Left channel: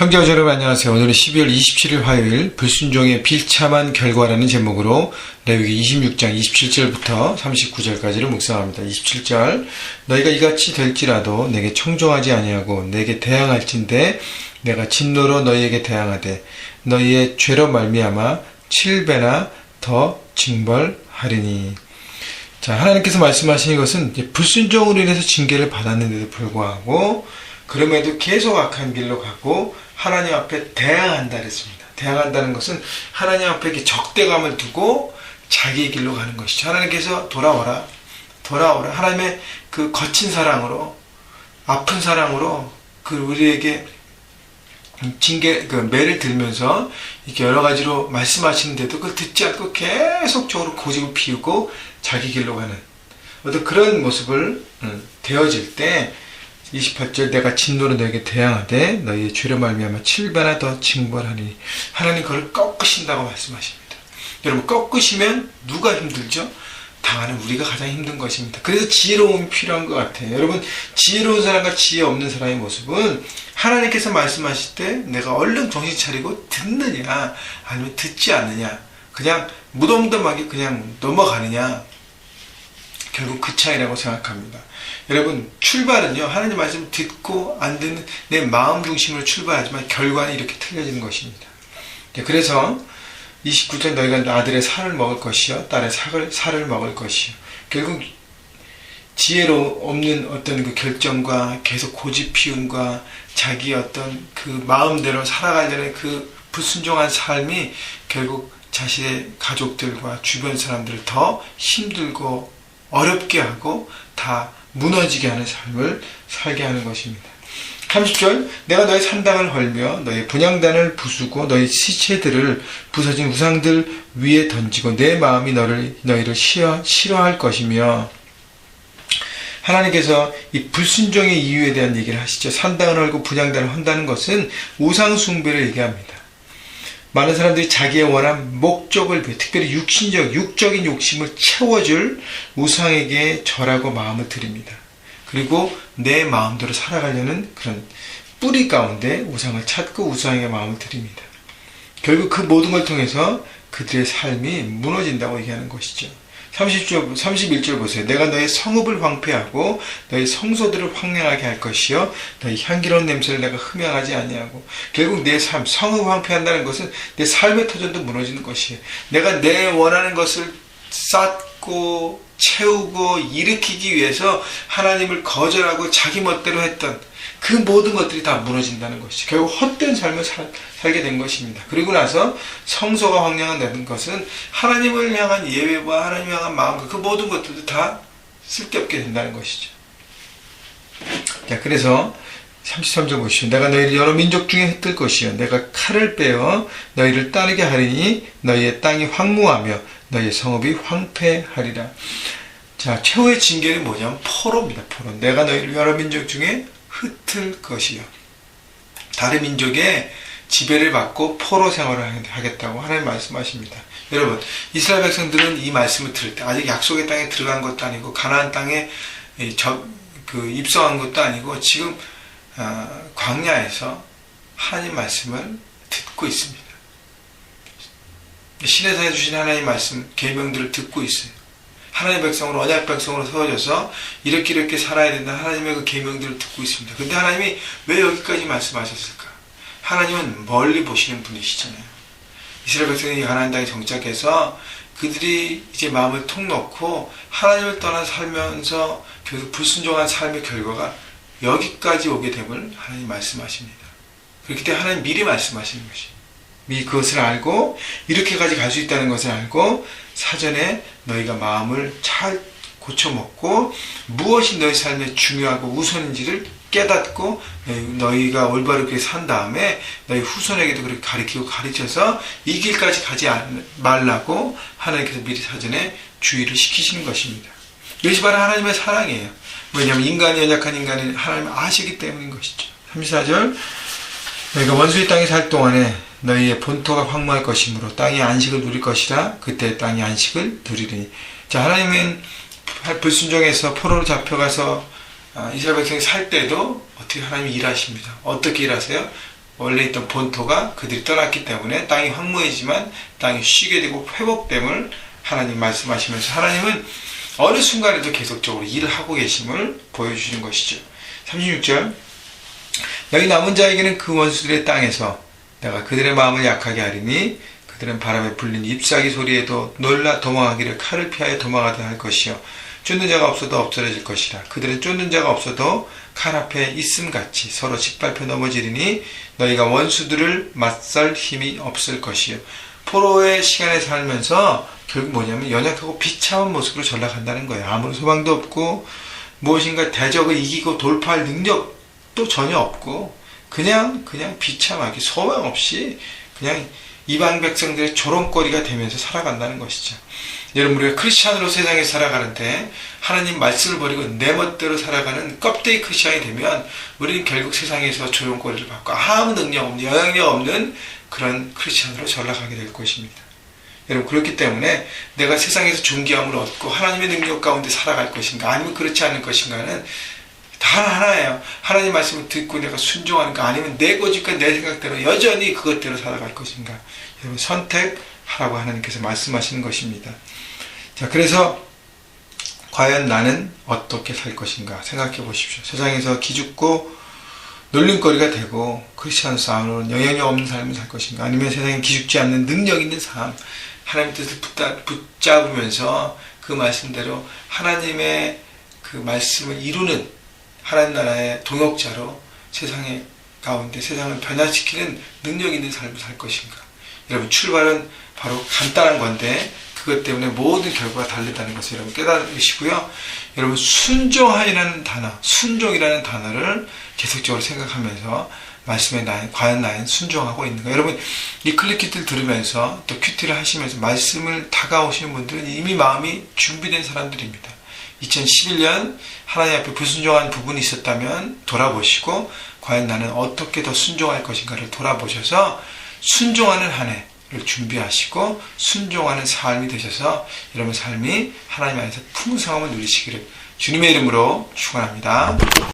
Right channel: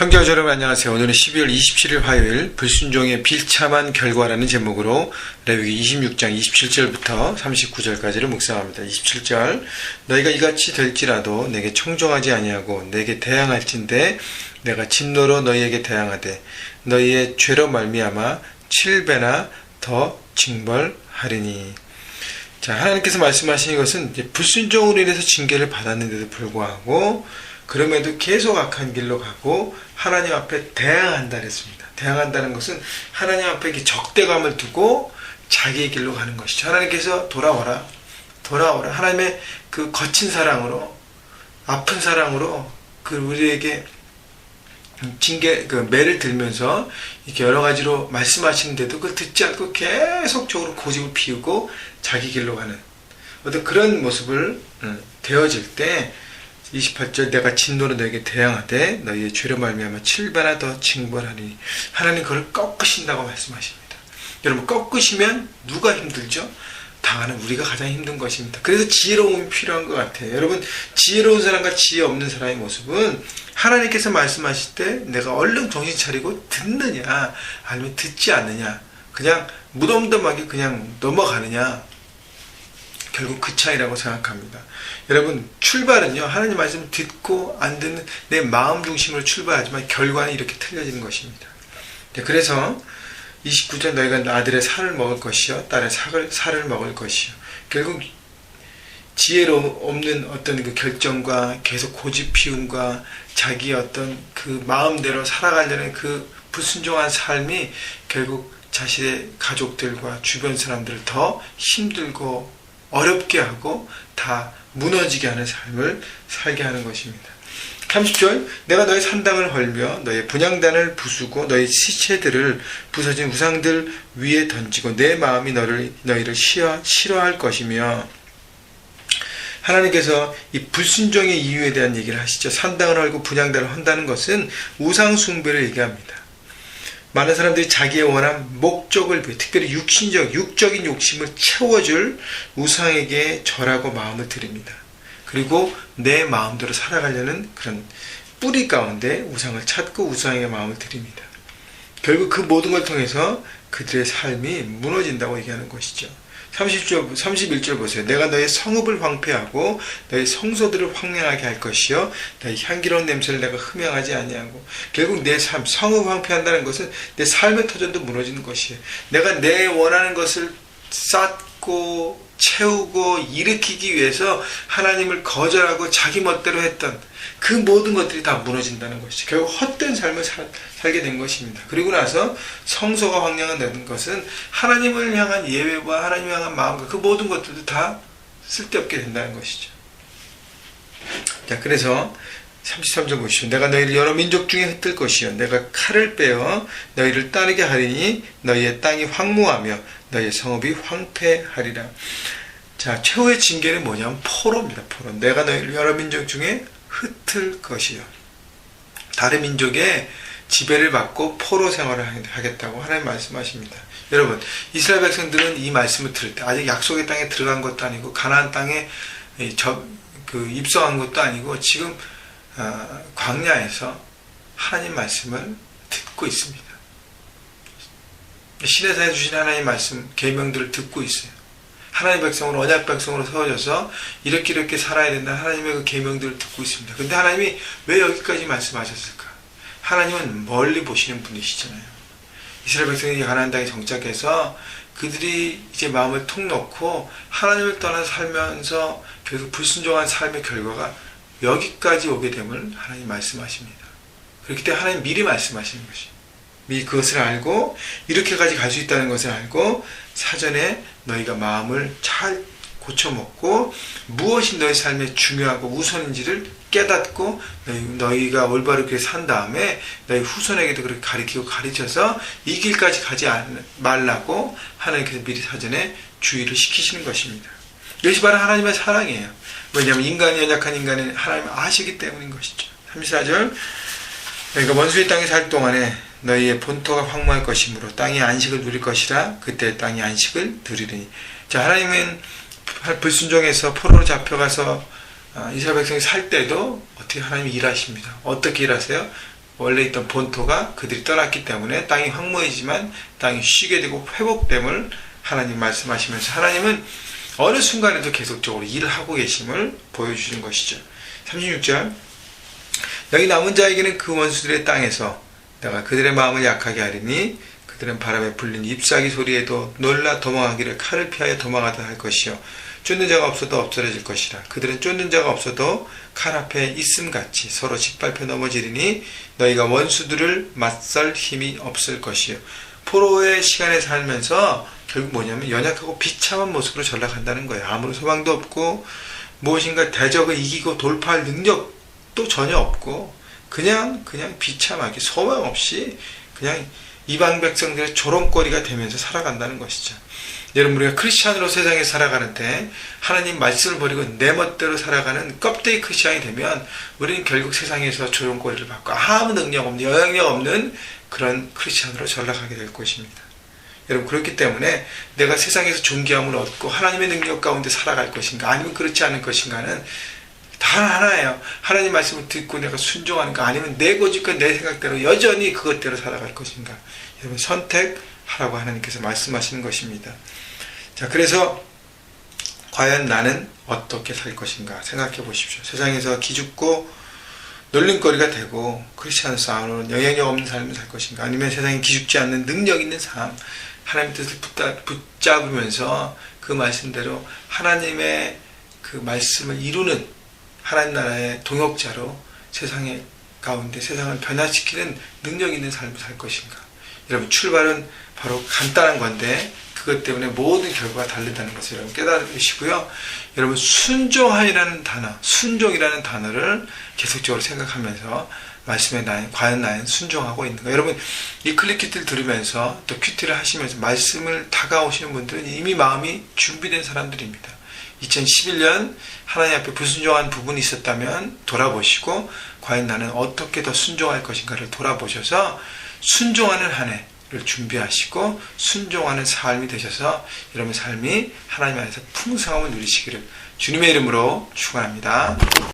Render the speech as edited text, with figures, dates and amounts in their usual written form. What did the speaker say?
형제자 여러분 안녕하세요. 오늘은 12월 27일 화요일 불순종의 비참한 결과라는 제목으로 레위기 26장 27절부터 39절까지를 묵상합니다. 27절 너희가 이같이 될지라도 내게 청종하지 아니하고 내게 대항할진대 내가 진노로 너희에게 대항하되 너희의 죄로 말미암아 7배나 더 징벌하리니. 자, 하나님께서 말씀하신 것은 불순종으로 인해서 징계를 받았는데도 불구하고 그럼에도 계속 악한 길로 가고 하나님 앞에 대항한다 그랬습니다. 대항한다는 것은 하나님 앞에 적대감을 두고 자기의 길로 가는 것이죠. 하나님께서 돌아오라. 하나님의 그 거친 사랑으로, 아픈 사랑으로 우리에게 매를 들면서 이렇게 여러 가지로 말씀하시는데도 그걸 듣지 않고 계속적으로 고집을 피우고 자기 길로 가는 어떤 그런 모습을 되어질 때 28절 내가 진노로 너에게 대항하되 너희의 죄로 말미암아 7배나 더 징벌하리니. 하나님 그걸 꺾으신다고 말씀하십니다. 여러분 꺾으시면 누가 힘들죠? 당하는 우리가 가장 힘든 것입니다. 그래서 지혜로움이 필요한 것 같아요. 여러분 지혜로운 사람과 지혜 없는 사람의 모습은 하나님께서 말씀하실 때 내가 얼른 정신 차리고 듣느냐 아니면 듣지 않느냐 그냥 무덤덤하게 그냥 넘어가느냐 결국 그 차이라고 생각합니다. 여러분 출발은요 하나님 말씀 듣고 안 듣는 내 마음 중심으로 출발하지만 결과는 이렇게 틀려지는 것입니다. 그래서 29절 너희가 아들의 살을 먹을 것이요 딸의 살을 먹을 것이요. 결국 지혜로 없는 어떤 그 결정과 계속 고집 피움과 자기의 어떤 그 마음대로 살아가려는 그 불순종한 삶이 결국 자신의 가족들과 주변 사람들을 더 힘들고 어렵게 하고 다 무너지게 하는 삶을 살게 하는 것입니다. 30절 내가 너희 산당을 헐며 너희 분향단을 부수고 너희 시체들을 부서진 우상들 위에 던지고 내 마음이 너희를 싫어할 것이며. 하나님께서 이 불순종의 이유에 대한 얘기를 하시죠. 산당을 헐고 분향단을 헌다는 것은 우상 숭배를 얘기합니다. 많은 사람들이 자기의 원한 목적을 위해 특별히 육적인 욕심을 채워줄 우상에게 절하고 마음을 드립니다. 그리고 내 마음대로 살아가려는 그런 뿌리 가운데 우상을 찾고 우상에게 마음을 드립니다. 결국 그 모든 걸 통해서 그들의 삶이 무너진다고 얘기하는 것이죠. 31절 보세요. 내가 너의 성읍을 황폐하고 너의 성소들을 황량하게 할 것이요 너의 향기로운 냄새를 내가 흠양하지 아니하고. 결국 내 삶, 성읍 황폐한다는 것은 내 삶의 터전도 무너지는 것이에요. 내가 내 원하는 것을 쌓고 채우고 일으키기 위해서 하나님을 거절하고 자기 멋대로 했던 그 모든 것들이 다 무너진다는 것이죠. 결국 헛된 삶을 살게 된 것입니다. 그리고 나서 성소가 황량하다는 것은 하나님을 향한 예배와 하나님을 향한 마음과 그 모든 것들도 다 쓸데없게 된다는 것이죠. 자, 그래서 33절 보시오. 내가 너희를 여러 민족 중에 흩을 것이요 내가 칼을 빼어 너희를 따르게 하리니 너희의 땅이 황무하며 너희의 성읍이 황폐하리라. 자, 최후의 징계는 뭐냐면 포로입니다. 포로. 내가 너희를 여러 민족 중에 흩을 것이요. 다른 민족의 지배를 받고 포로 생활을 하겠다고 하나님 말씀하십니다. 여러분 이스라엘 백성들은 이 말씀을 들을 때 아직 약속의 땅에 들어간 것도 아니고 가나안 땅에 입성한 것도 아니고 지금 광야에서 하나님 말씀을 듣고 있습니다. 시내산에 주신 하나님 말씀 계명들을 듣고 있어요. 하나님 백성으로 언약 백성으로 세워져서 이렇게 살아야 된다 하나님의 그 계명들을 듣고 있습니다. 근데 하나님이 왜 여기까지 말씀하셨을까? 하나님은 멀리 보시는 분이시잖아요. 이스라엘 백성이 가나안 땅에 정착해서 그들이 이제 마음을 통 놓고 하나님을 떠나 살면서 계속 불순종한 삶의 결과가 여기까지 오게 됨을 하나님 말씀하십니다. 그렇기 때문에 하나님 미리 말씀하시는 것이 미리 그것을 알고 이렇게까지 갈 수 있다는 것을 알고 사전에 너희가 마음을 잘 고쳐먹고 무엇이 너희 삶에 중요하고 우선인지를 깨닫고 너희가 올바르게 산 다음에 너희 후손에게도 그렇게 가르치고 가르쳐서 이 길까지 가지 말라고 하나님께서 미리 사전에 주의를 시키시는 것입니다. 이것이 바로 하나님의 사랑이에요. 왜냐하면 인간이 연약한 인간을 하나님을 아시기 때문인 것이죠. 34절 너희가 원수의 땅에 살 동안에 너희의 본토가 황무할 것이므로 땅이 안식을 누릴 것이라 그때 땅이 안식을 누리리니. 자, 하나님은 불순종해서 포로로 잡혀가서 이스라엘 백성이 살 때도 어떻게 하나님이 일하십니다. 어떻게 일하세요? 원래 있던 본토가 그들이 떠났기 때문에 땅이 황무해지만 땅이 쉬게 되고 회복됨을 하나님 말씀하시면서 하나님은 어느 순간에도 계속적으로 일을 하고 계심을 보여주시는 것이죠. 36절 너희 남은 자에게는 그 원수들의 땅에서 내가 그들의 마음을 약하게 하리니 그들은 바람에 불린 잎사귀 소리에도 놀라 도망하기를 칼을 피하여 도망하다 할 것이요 쫓는 자가 없어도 없어질 것이라. 그들은 쫓는 자가 없어도 칼 앞에 있음같이 서로 짓밟혀 넘어지리니 너희가 원수들을 맞설 힘이 없을 것이요. 포로의 시간에 살면서 결국 뭐냐면 연약하고 비참한 모습으로 전락한다는 거예요. 아무런 소망도 없고 무엇인가 대적을 이기고 돌파할 능력도 전혀 없고 그냥 비참하게 소망 없이 그냥 이방 백성들의 조롱거리가 되면서 살아간다는 것이죠. 여러분 우리가 크리스찬으로 세상에 살아가는데 하나님 말씀을 버리고 내 멋대로 살아가는 껍데기 크리스찬이 되면 우리는 결국 세상에서 조롱거리를 받고 아무 능력 없는 영향력 없는 그런 크리스찬으로 전락하게 될 것입니다. 여러분 그렇기 때문에 내가 세상에서 존귀함을 얻고 하나님의 능력 가운데 살아갈 것인가 아니면 그렇지 않을 것인가는 다 하나예요. 하나님 말씀을 듣고 내가 순종하는가 아니면 내 고집과 내 생각대로 여전히 그것대로 살아갈 것인가. 여러분 선택하라고 하나님께서 말씀하시는 것입니다. 자, 그래서 과연 나는 어떻게 살 것인가 생각해 보십시오. 세상에서 기죽고 놀림거리가 되고 크리스찬 싸움으로는 영향력 없는 삶을 살 것인가 아니면 세상에 기죽지 않는 능력 있는 삶 하나님의 뜻을 붙잡으면서 그 말씀대로 하나님의 그 말씀을 이루는 하나님 나라의 동역자로 세상의 가운데 세상을 변화시키는 능력 있는 삶을 살 것인가. 여러분 출발은 바로 간단한 건데 그것 때문에 모든 결과가 다르다는 것을 여러분 깨달으시고요. 여러분 순종하이라는 단어, 순종이라는 단어를 계속적으로 생각하면서 말씀에 과연 나는 순종하고 있는가. 여러분 이 클릭키트를 들으면서 또 큐티를 하시면서 말씀을 다가오시는 분들은 이미 마음이 준비된 사람들입니다. 2011년 하나님 앞에 불순종한 부분이 있었다면 돌아보시고 과연 나는 어떻게 더 순종할 것인가를 돌아보셔서 순종하는 한 해를 준비하시고 순종하는 삶이 되셔서 여러분 삶이 하나님 안에서 풍성함을 누리시기를 주님의 이름으로 축원합니다.